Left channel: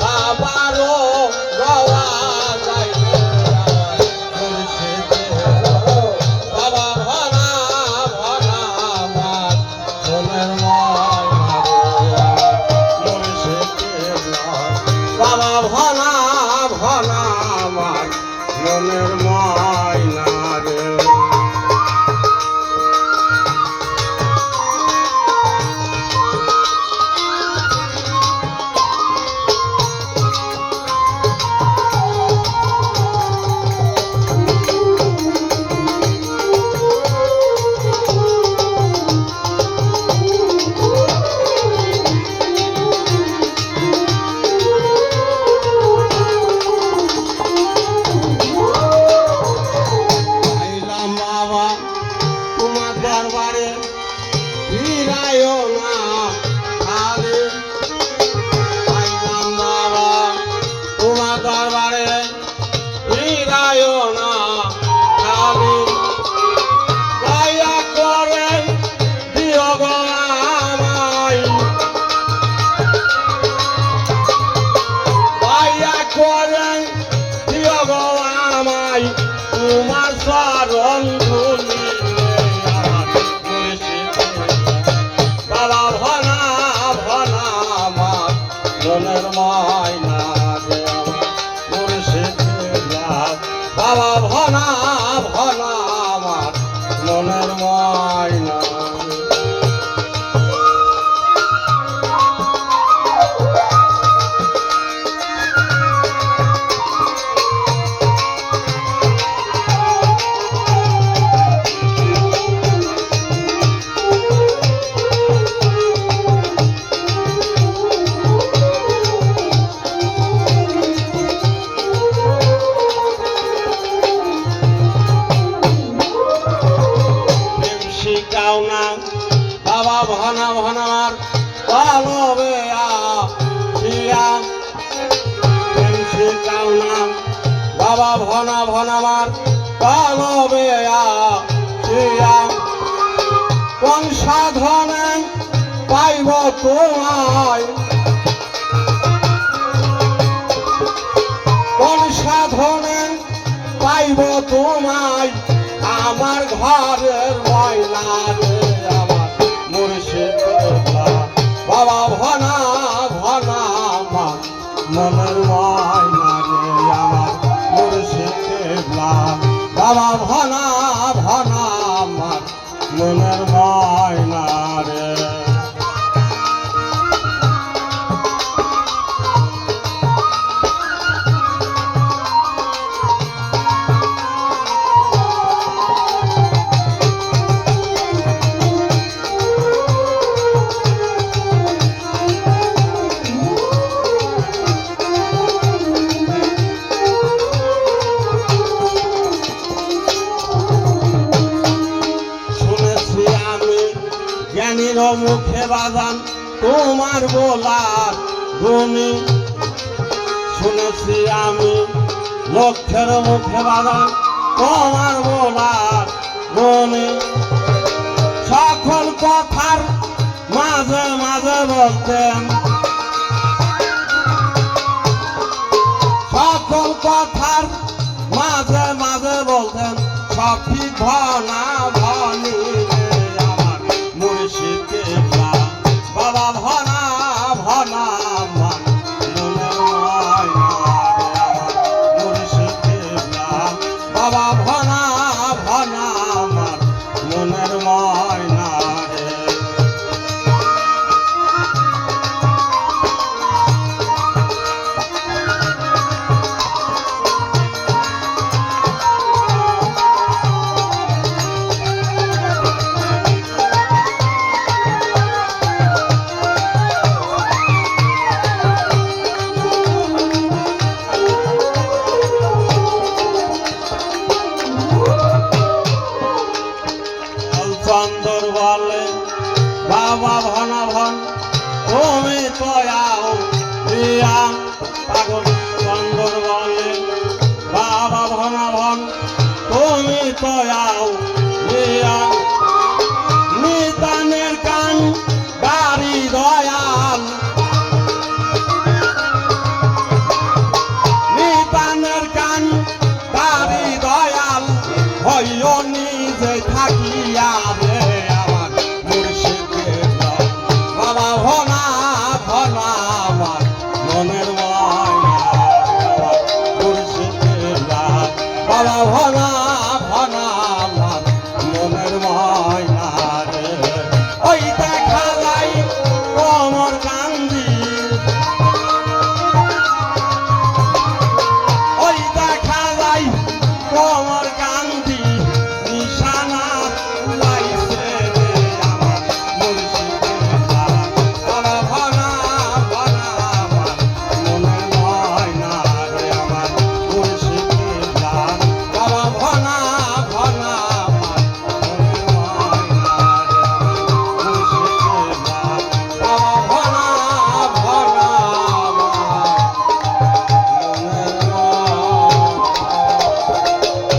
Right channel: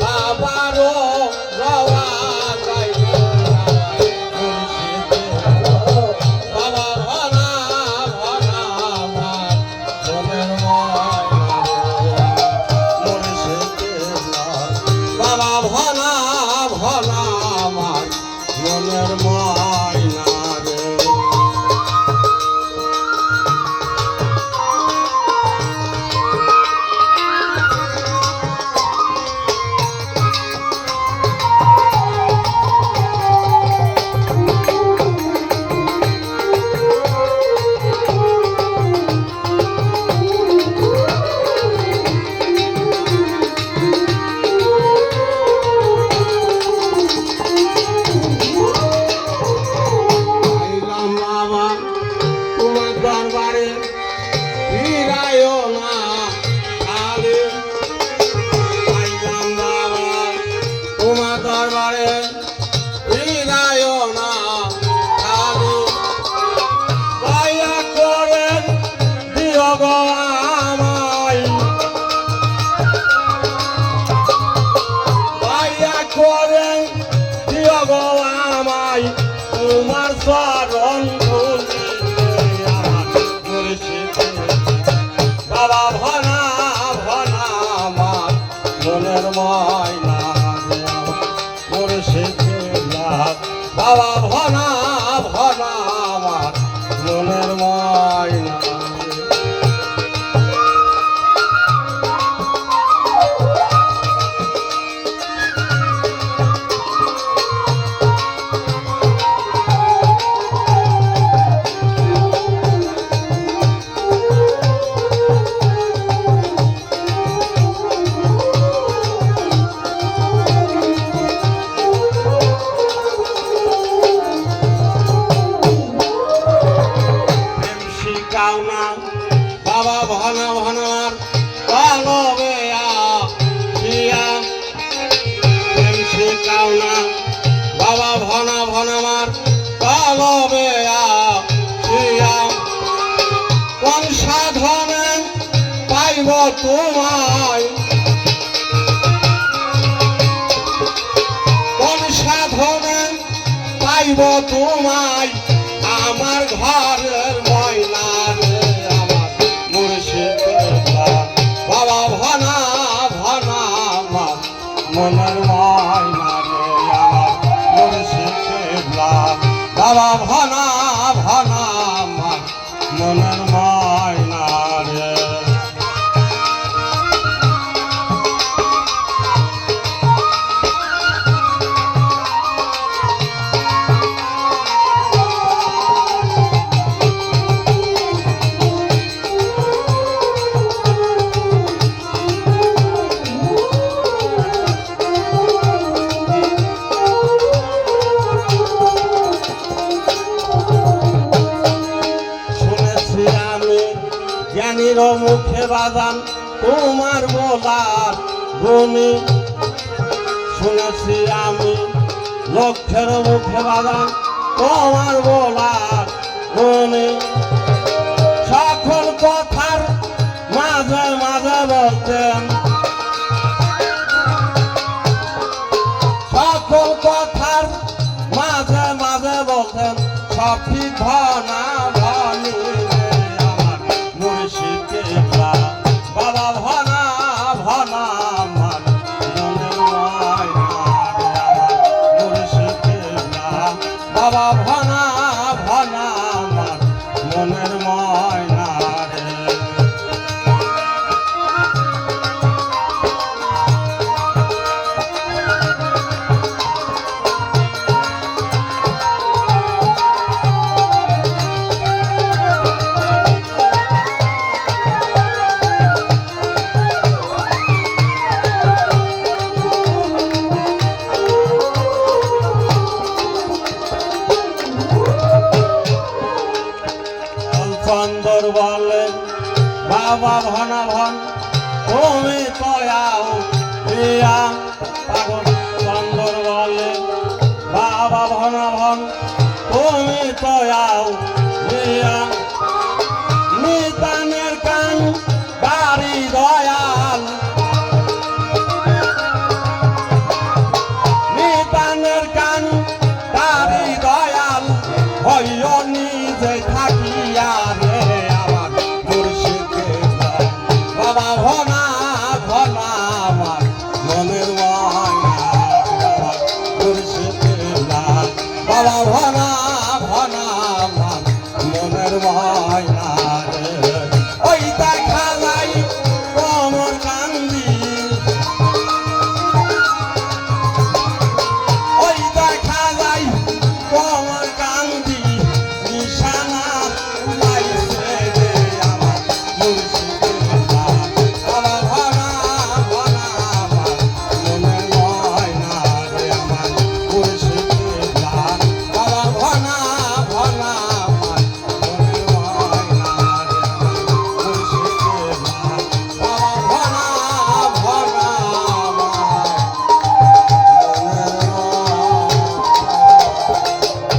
বাবারও যাওয়া যায় বাবা ভনা ভনা আমার মনের বাবা ভনা ভনা আমার মনের ময়না রে দরবারে ফিরায়ও না খালি আইলাম বাবা তোমার দরবারে ফিরায়ও না খালি দয়া করে দিও গো আমায় দয়া করে দিও গো আমায় তোমার শরণ ধুলি মনের ময়না রে আমার মুর্শিদুল্লাহ বাবা ভনা ভনা আমার মনের ময়না কাউনা বাবা ভনা ভনার কলবে আইয়া কাউনা বাবা ভনা ভনার কলবে আইয়া কোন সাধনে পাইব তোমায় কোন সাধনে পাইব তোমায় আমার ঘরের ময়না রে আমার মুর্শিদুল্লাহ বাবা ভনা ভনা আমার মনের ময়না রে আমার মুর্শিদুল্লাহ বাবা ভনা ভনা আমার মনের ময়না রে জ্ঞানীর মুখে বাজান তোমার বলার গুণী শুনেছি আমি লক্ষ্যের মুখে বাজান